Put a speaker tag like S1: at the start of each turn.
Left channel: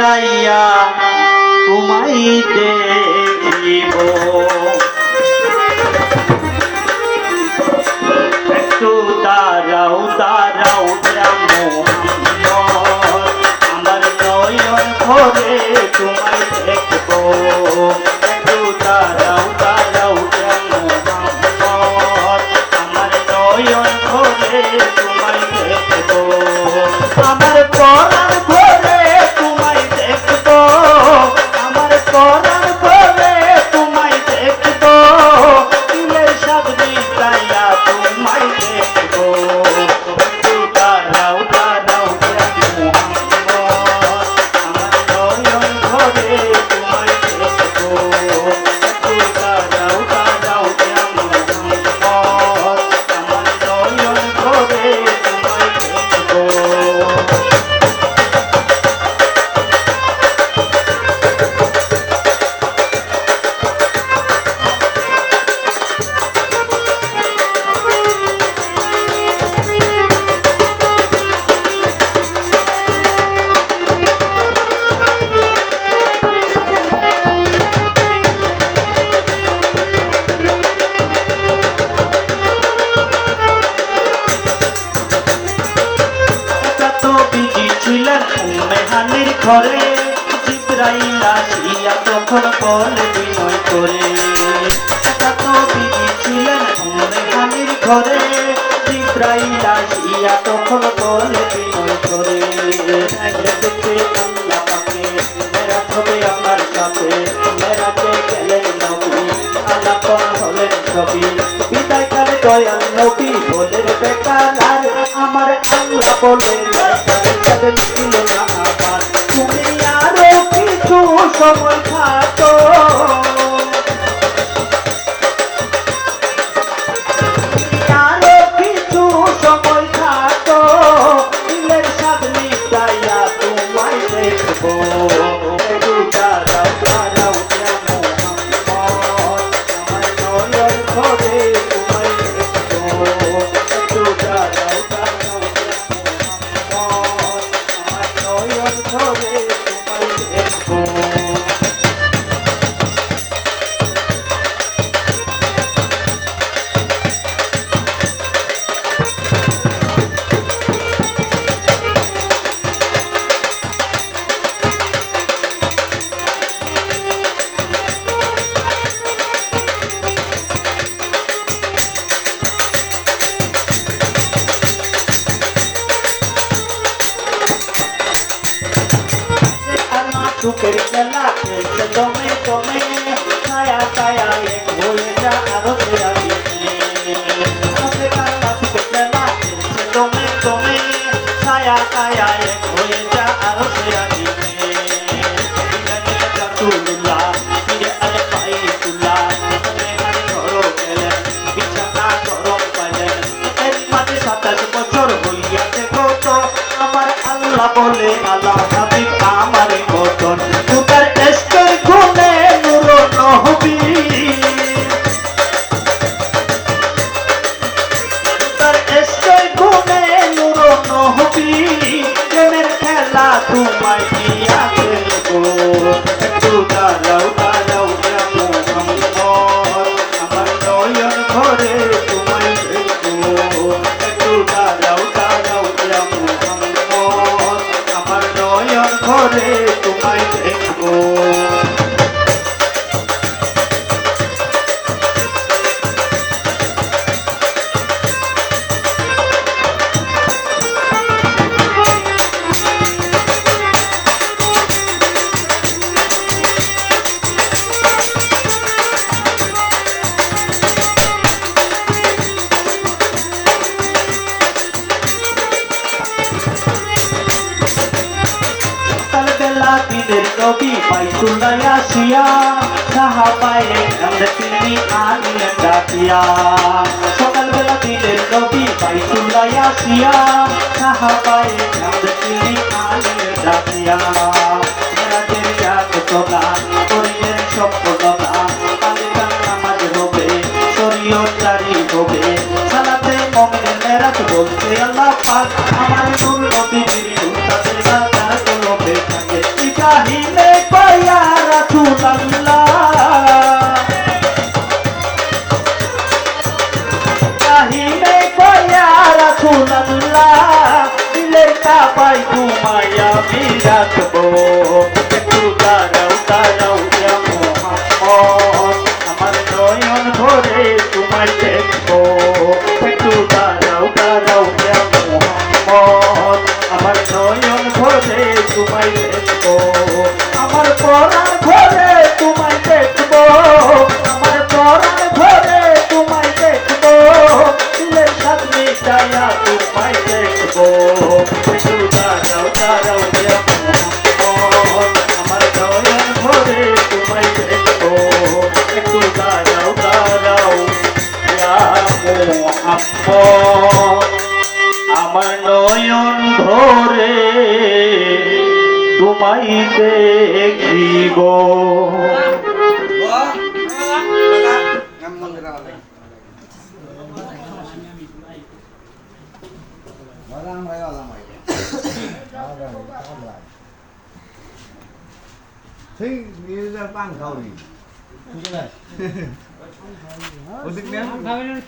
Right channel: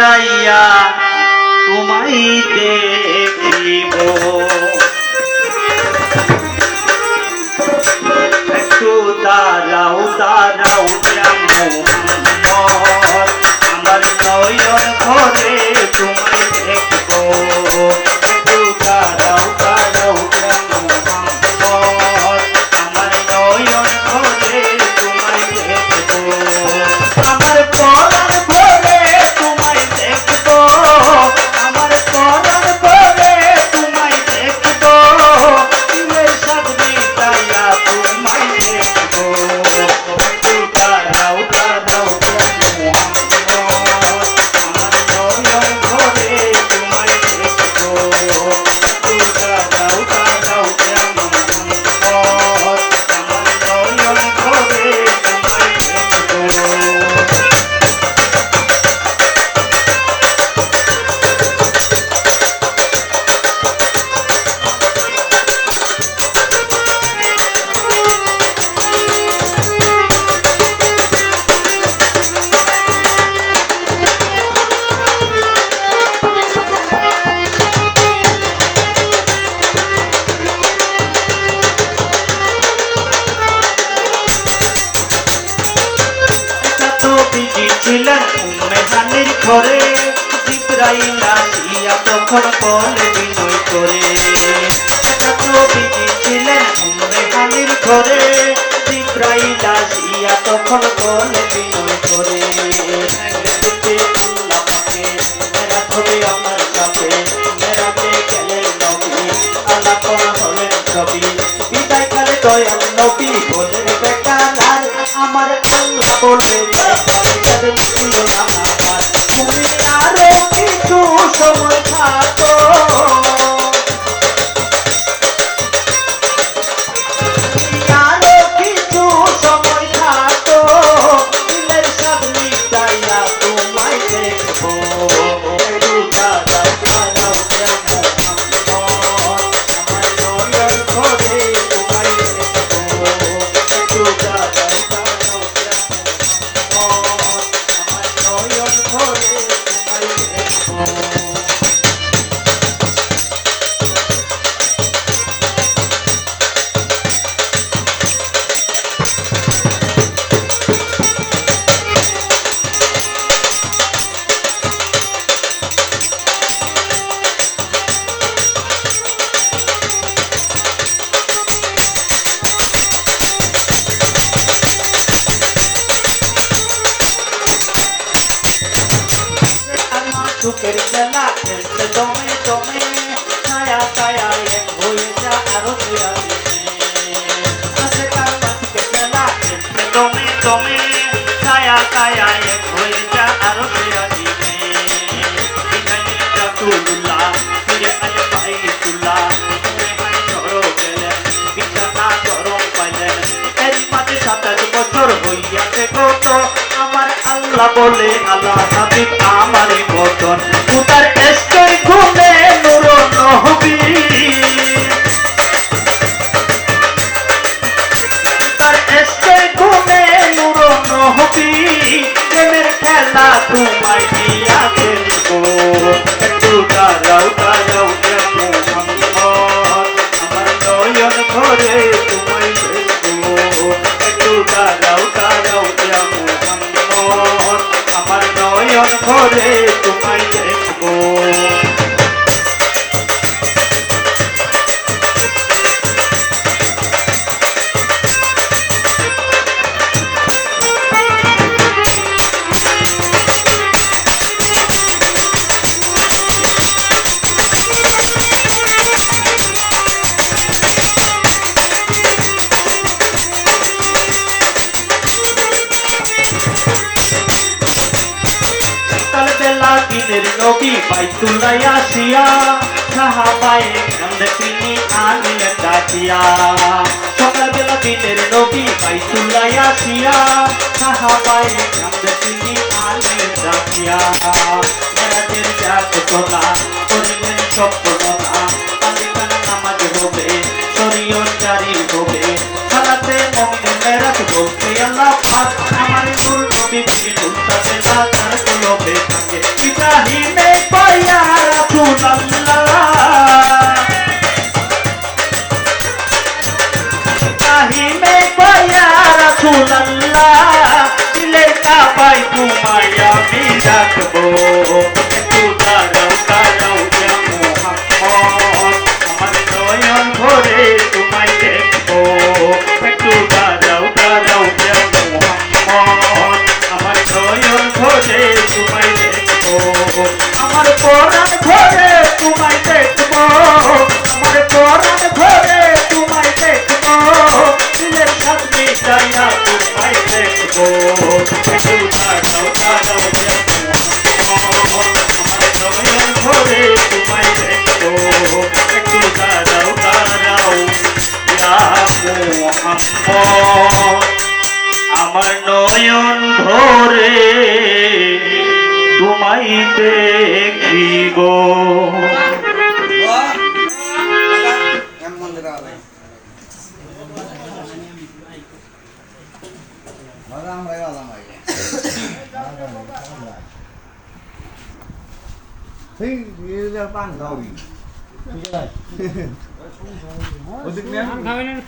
S1: চাইয়া তোমায় দেখিব। মেহানির ঘরে জিব্রাইল আসিয়া তখন বলে বিনয় করে। এত বিজি ছিলেন মেহানির ঘরে, জিব্রাইল আসিয়া তখন বলে বিনয় করে। দেখতে আল্লাহ পাকে মেরা হবে আমার কাছে বিদায় কালে দয়াল নবী বলেন বেকার আমার আল্লাহ বলে ছিল না সুখের খেলা খেলতে দমে দমে ছায়া ছায়া এক হয়ে যা আরও দমে দমে ছায়া ছায়া এক হয়ে যা আরও তুল্লা ফিরে আলে পাই তুল্লা আল্লাহ বলে আল্লাহ হাবিব আমার মতন। উতার এসকে ঘুমে নুর নহবি তার এসকে ঘুমে নুর নহবি প্রেমের খেলা তোমায় দিয়া খেলব একটু দাঁড়াও দাঁড়াও। নবী বাইতুল্লাহ আসিয়া সাহাবায়ে কান্দ তিনি আনিলেন ডাকিয়া। সকালবেলা দিনের নবী বাইতুল্লাহ আসিয়া সাহাবায়ে কান্দ তিনি আনিলেন ডাকিয়া। মেরাজের জাগততা করিলেন সফলতা কালে কালে নামাজ হবে শরীয়ত জারি হবে। সালাতে মমিনের মেরাজ বলতে আল্লাহ পাক আমার রাখব। পুষ্প আমার নয়ন ভরে তোমায় দেখি গো
S2: Thế như ra ban cầu gì? Tôi chưa đây. Ủa,